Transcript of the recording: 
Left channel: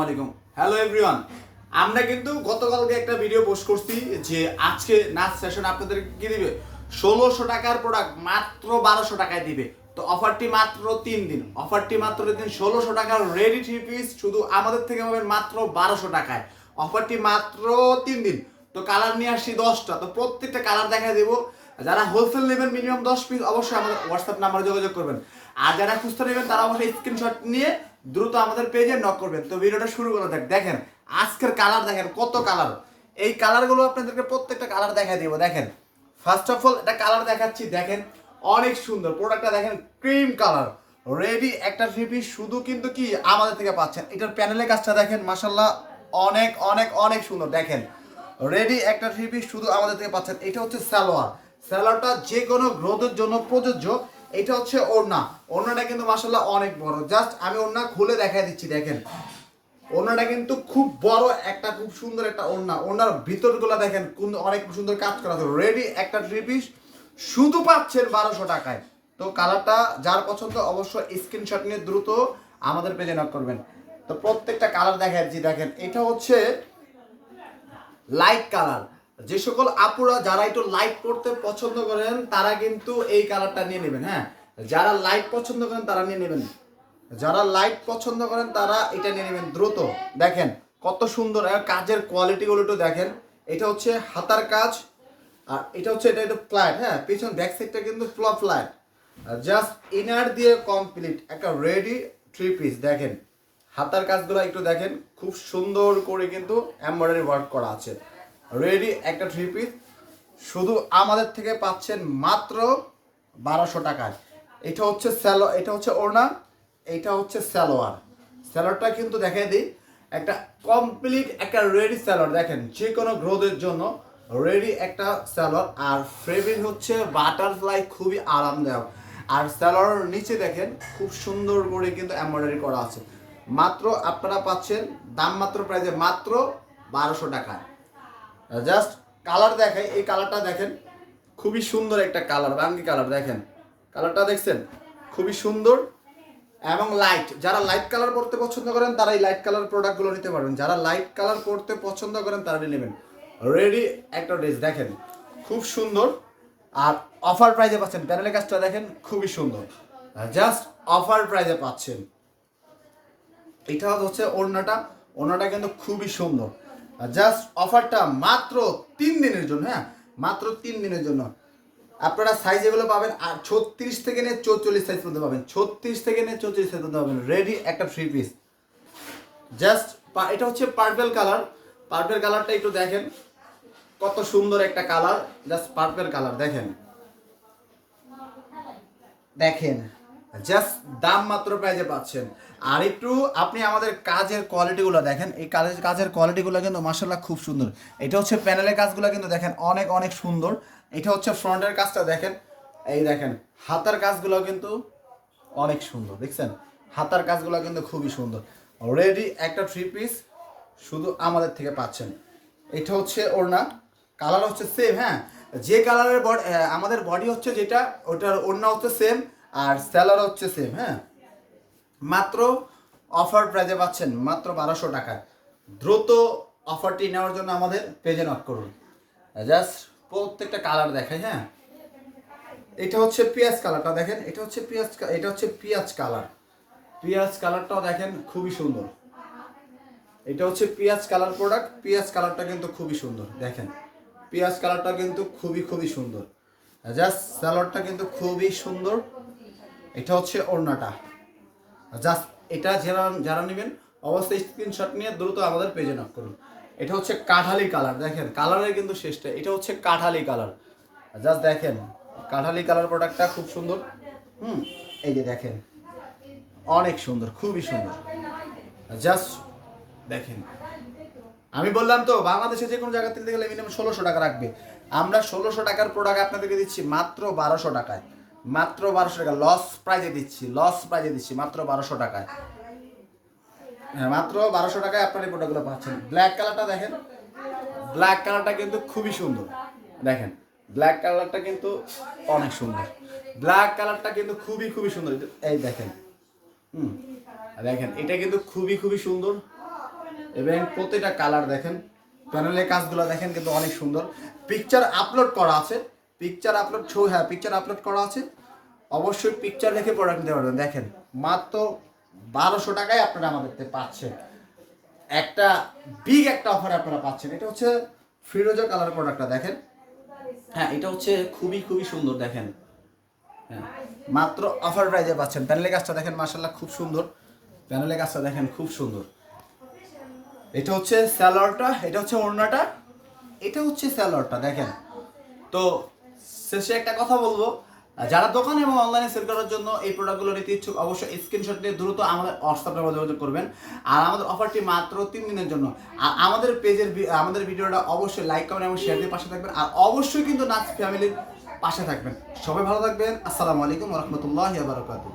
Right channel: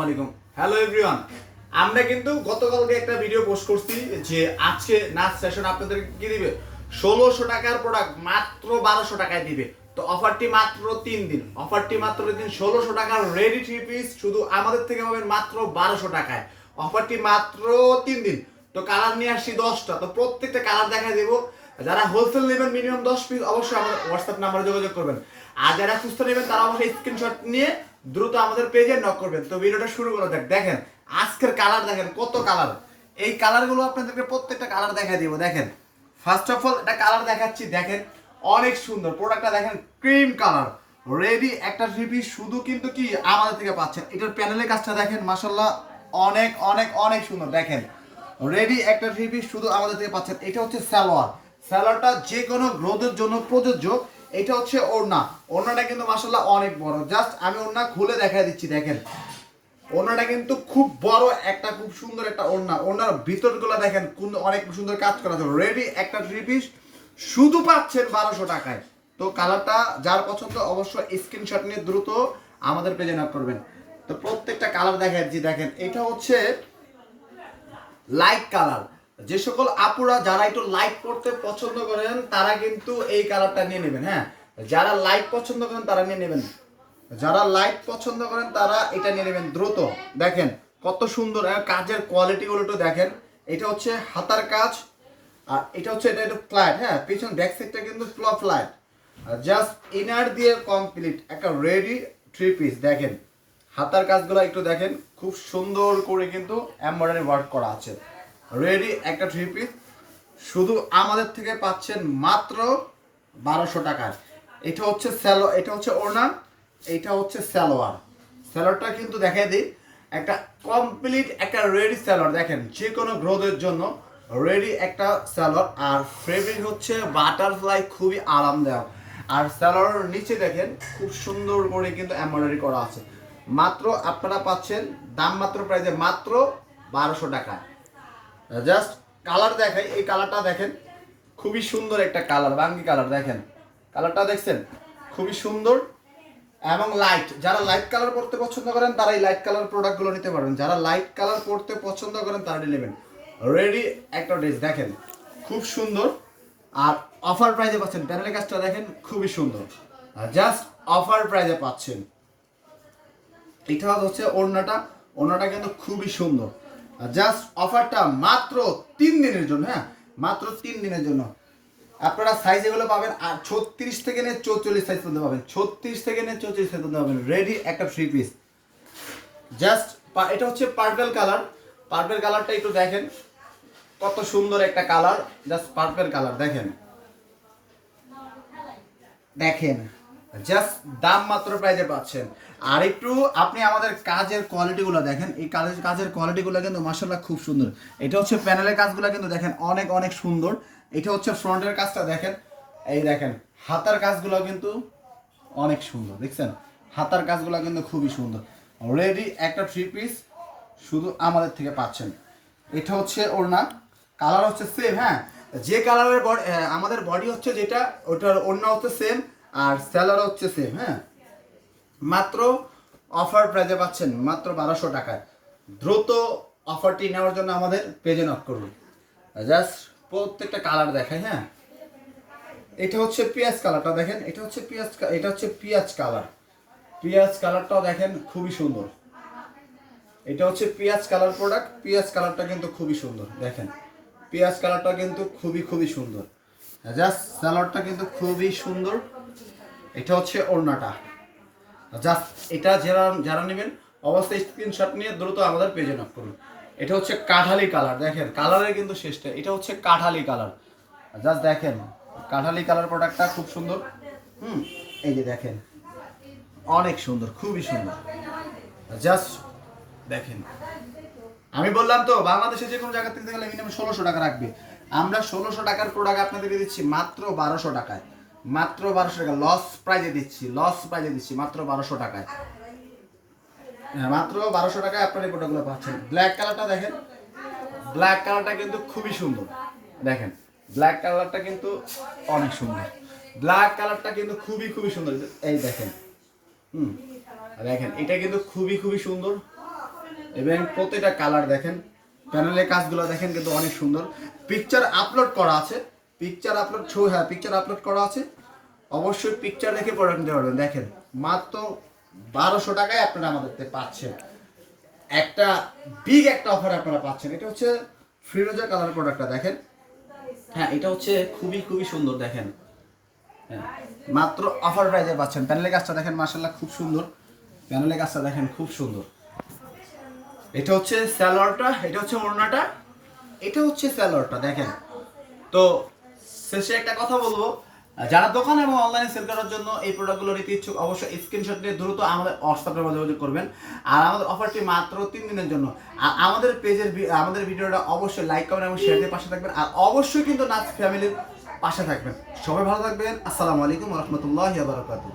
আলাইকুম hello everyone আমরা কিন্তু গতকালকে একটা ভিডিও পোস্ট করছি যে আজকে নাচ সেশন আপনাদের কি দিবে। ষোলোশো টাকার প্রোডাক্ট মাত্র বারোশো টাকায় দিবে। তো অফারটি মাত্র তিন দিন। অফারটি মাত্র তিন ষোলোশো টাকার রেডি থ্রি পিস শুধু আমাদের থেকে পাবেন মাত্র বারোশো টাকায়। অফারটি মাত্র তিন দিন। তো কালার নিয়ে আসছি দশটা। তো প্রত্যেকটা কালার দেখা দেবো। যারা হোলসেল নেবেন মিনিমাম দশ পিস অবশ্যই আমাদের হোয়াটসঅ্যাপ নাম্বারে যোগাযোগ করবেন। আর যারা খুচরা নেবেন, তারা অবশ্যই স্ক্রিনশট নিয়ে দ্রুত আমাদের পেজে নক করবেন। তো ভিডিওটা শুরু করে দেখ দেখেন, আজকের কালার দেখেন, কত কালার এই কালারগুলো আপনাদেরকে প্রত্যেকটা কালার দেখা দিব। দেখেন ফার্স্ট অফ অল একটা কালার দেখাচ্ছি। দেখেন, অনেক সুন্দর। প্রোডাক্টটা দেখেন ক্রিম কালার রেডি একটা পিস শুধু কিন্তু কি আমাদের থেকে পাচ্ছেন। এটার প্যানেলের কাজটা দেখেন মাসাল্লাহ অনেক অনেক অনেক সুন্দর। দেখেন রেডি একটা পিস শুধু আমাদের থেকে পাচ্ছেন। এটা হচ্ছে সালোয়ার। সালোয়ারটা যে কোনো গ্রোথের জন্য প্রযোজ্য। এটা হচ্ছে ওড়না। ওড়নাটা কিন্তু মাসাল্লাহ অনেক বড়। জাস্ট আমি ওড়না খুলে দেখাই দিচ্ছি, দেখেন। ওড়নাটা কিন্তু খুব বড় একটা, খুব সুন্দর একটা ওড়না। ওড়নার ভিতরগুলো দেখেন কোন অনেক সুন্দর কাজ করা আছে। রেডি একটা থ্রি পিস শুধু পাচ্ছেন বারোশো টাকায়। তো কালারটা যার পছন্দ অবশ্য স্ক্রিনশট নিয়ে দ্রুত আমাদের পেজে না করবেন। তো প্রত্যেকটা কালার দেখাচ্ছি দেখেন। এটা হচ্ছে লাইট কালার যে সকল আপুরা যারা একটু লাইট পড়তে পছন্দ করেন, তারা কিন্তু এই কালারটা নিয়ে নেবেন হ্যাঁ? যারা লাইট পছন্দ করেন, তারা নিয়ে নেবেন। যারা লাইট পছন্দ করেন, তারা এটা নিয়ে নেবেন দ্রুত। দেখেন, কত সুন্দর আর কাজের কোয়ালিটিগুলো একটু দেখেন। এটা হচ্ছে হাতার কাজ, আর এটা হচ্ছে এটা একটু ফ্ল্যাট হ্যাঁ? পিছন ব্যাক কিন্তু ফ্লপ ফ্ল্যাট জাস্ট ইনার দিয়ে কমপ্লিট একটা রেডি থ্রি পিস দেখেন। হাতার কাজগুলো একটু দেখেন, খুব সুন্দর করে কিন্তু এমব্রয়ডারি ওয়ার্ক করা আছে। রেডি একটা থ্রি পিস শুধু আমাদের থেকে পাচ্ছেন মাত্র বারোশো টাকার এটা হচ্ছে স্যালো এটা হচ্ছে ওড়না, এটা হচ্ছে স্যালোয়ার স্যালোয়ারটা কিন্তু দেখাই দিই। একটা কমপ্লিট একটা রেডি স্যালোয়ার দেখেন যে কোনো গ্রোথের জন্য রেডি একটা স্যালোয়ার আর ফেব্রিক হচ্ছে বাটারফ্লাই খুবই আরামদায়ক। আর স্যালোয়ার নিচে দেখেন, খুব সুন্দর করে কিন্তু এমব্রয়ডারি করা আছে। মাত্র আপনারা পাচ্ছেন দাম মাত্র প্রাইজে মাত্র বারোশো টাকা জাস্ট কালার দেখাই, এই কালারটা দেখেন। খুবই সুন্দর একটা কালার বাঙ্গি কালার দেখেন। কালারটা দেখছেন? খুবই সুন্দর এবং লাইট যারা লাইট কালার পড়তে পছন্দ করেন, তারা এই লাইট কালার প্রোডাক্টগুলো নিতে পারবেন যারা লাইট কালার পড়তে পছন্দ করেন, তারা নেবেন। রেডি একটা ড্রেস দেখেন। খুব সুন্দর। আর অফার প্রাইজে পাচ্ছেন। প্যানেলের কাজটা দেখেন, খুবই সুন্দর। জাস্ট অফার প্রাইজে পাচ্ছেন। এটা হচ্ছে ওড়নাটা। ওড়নাটা কিন্তু খুবই সুন্দর। জাস্ট অফারটা মাত্র তিন দিনের জন্য হ্যাঁ? মাত্র তিন দিনের জন্য। আপনারা সাইজ এগুলো পাবেন, আর ছত্রিশ থেকে নিয়ে চৌচল্লিশ সাইজ পর্যন্ত পাবেন। ছত্রিশ থেকে নিয়ে চৌচল্লিশ সাইজ পর্যন্ত পাবেন। রেডি একটা থ্রি পিস জাস্ট এটা হচ্ছে পার্পেল কালার পার্পেল কালারটা একটু দেখেন। কত সুন্দর একটা কালার জাস্ট পার্পেল কালার দেখেন। দেখেন। জাস্ট দাম মাত্র প্রাইজে পাচ্ছেন। আর একটু আপনি আমাদের কাজের কোয়ালিটিগুলো দেখেন। এই কাজের কাজের কোয়ালিটিগুলো কিন্তু মাসাল্লাহ খুব সুন্দর। এটা হচ্ছে প্যানেলের কাজগুলো কিন্তু দেখেন অনেক অনেক সুন্দর। এটা হচ্ছে ফ্রন্টের কাজটা দেখেন। এই দেখেন, হাতার কাজগুলো কিন্তু অনেক সুন্দর, দেখছেন? হাতার কাজগুলো কিন্তু খুবই সুন্দর। অলরেডি একটা থ্রি পিস শুধু আমাদের থেকে পাচ্ছেন। এটা হচ্ছে ওড়না। কালার হচ্ছে সেম হ্যাঁ? যে কালারের আমাদের বডি হচ্ছে যেটা, ওটার ওড়না হচ্ছে সেম আর স্যালার হচ্ছে সেম হ্যাঁ? মাত্র অফার প্রাইজে পাচ্ছেন মাত্র বারোশো টাকা। দ্রুত অফারটি নেওয়ার জন্য আমাদের পেজে নক করুন। জাস্ট প্রত্যেকটা কালার দেখাই হ্যাঁ? এটা হচ্ছে পেঁয়াজ কালারটা দেখেন, এটা হচ্ছে পেঁয়াজ এটা হচ্ছে পেঁয়াজ কালার পেঁয়াজ কালারটাও দেখেন খুবই সুন্দর। এটা হচ্ছে পেঁয়াজ কালার প্রোডাক্ট পেঁয়াজ কালারটা কিন্তু খুবই সুন্দর, দেখেন। পেঁয়াজ কালারটা কিন্তু খুবই খুবই সুন্দর। জাস্ট স্যালাডটা কিন্তু খুবই সুন্দর। এটা হচ্ছে ওড়নাটা। জাস্ট এটা যারা যারা নেবেন, অবশ্যই স্ক্রিনশট নিয়ে দ্রুত আমাদের পেজে নক করুন। এটা হচ্ছে কাঠালি কালার দেখেন কালারের কিন্তু শেষটা, এটা হচ্ছে কাঠালি কালার জাস্ট দেখেন, কাঠালি কালার প্রোডাক্টটা খুব সুন্দর। হুম, এই যে দেখেন, অনেক সুন্দর, খুবই সুন্দর। জাস্ট দেখেন, আমি বললাম তো, বাংলাদেশে যে কোনো জায়গা কিনতে গেলে মিনিমাম ষোলোশো টাকা রাখবে। আমরা ষোলোশো টাকার প্রোডাক্ট আপনাদেরকে দিচ্ছি মাত্র বারোশো টাকায়। মাত্র বারোশো টাকা লস প্রাইজে দিচ্ছি লস প্রাইজে দিচ্ছি, মাত্র বারোশো টাকায়। হ্যাঁ মাত্র বারোশো টাকায় আপনার এই প্রোডাক্টগুলো পাচ্ছেন। ব্ল্যাক কালারটা দেখেন ব্ল্যাক কালারটা কিন্তু খুবই সুন্দর। দেখেন ব্ল্যাক কালারটা কিন্তু অনেক সুন্দর। ব্ল্যাক কালারটা কিন্তু খুবই খুবই সুন্দর। এই দেখেন, হুম, দেখেন, এটা কিন্তু খুবই খুবই সুন্দর। এবং প্রতিটা কালার দেখেন প্যানেলের কাজগুলো দেখেন কিন্তু অনেক সুন্দর। পিকচার আপলোড করা আছে। পিকচার আপলোড ছবি হ্যাঁ পিকচার আপলোড করা আছে। অবশ্যই পিকচার দেখে প্রোডাক্ট নিতে পারবেন। দেখেন মাত্র বারোশো টাকায় আপনারা আমাদের পাচ্ছেন। একটা বিগ একটা অফার আপনারা পাচ্ছেন। এটা হচ্ছে ফিরোজা কালার প্রোডাক্টটা দেখেন। হ্যাঁ এটা হচ্ছে খুবই খুবই সুন্দর দেখেন। হ্যাঁ, মাত্র অফার প্রাইজে পাচ্ছেন। প্যানেলের কাজটা দেখেন মার্শাল্লাহ খুব সুন্দর। প্যানেলের কাজটা দেখেন খুব সুন্দর। এটা হচ্ছে স্যালোয়ারটা, এটা হচ্ছে ওড়নাটা, এটা হচ্ছে স্যালোয়ারটা, দেখেন। তো শেষে একটা কথা বলব, যারা দোকান এবং অনলাইনে সেল করার জন্য এই প্রোডাক্টগুলো নিতে ইচ্ছুক, অবশ্যই স্ক্রিনশট নিয়ে দ্রুত আমাদের হোয়াটসঅ্যাপে যোগাযোগ করবেন। আর আমাদের অফারটি মাত্র তিন দিনের জন্য। আর আমাদের পেজের আমাদের ভিডিওটা অবশ্যই লাইক করবেন এবং শেয়ার দিয়ে পাশে থাকবেন। আর অবশ্যই কিন্তু নাচ ফ্যামিলির পাশে থাকবেন। সবাই ভালো থাকবেন। আসসালামু আলাইকুম রহমতুল্লাহ বারকাতুহ।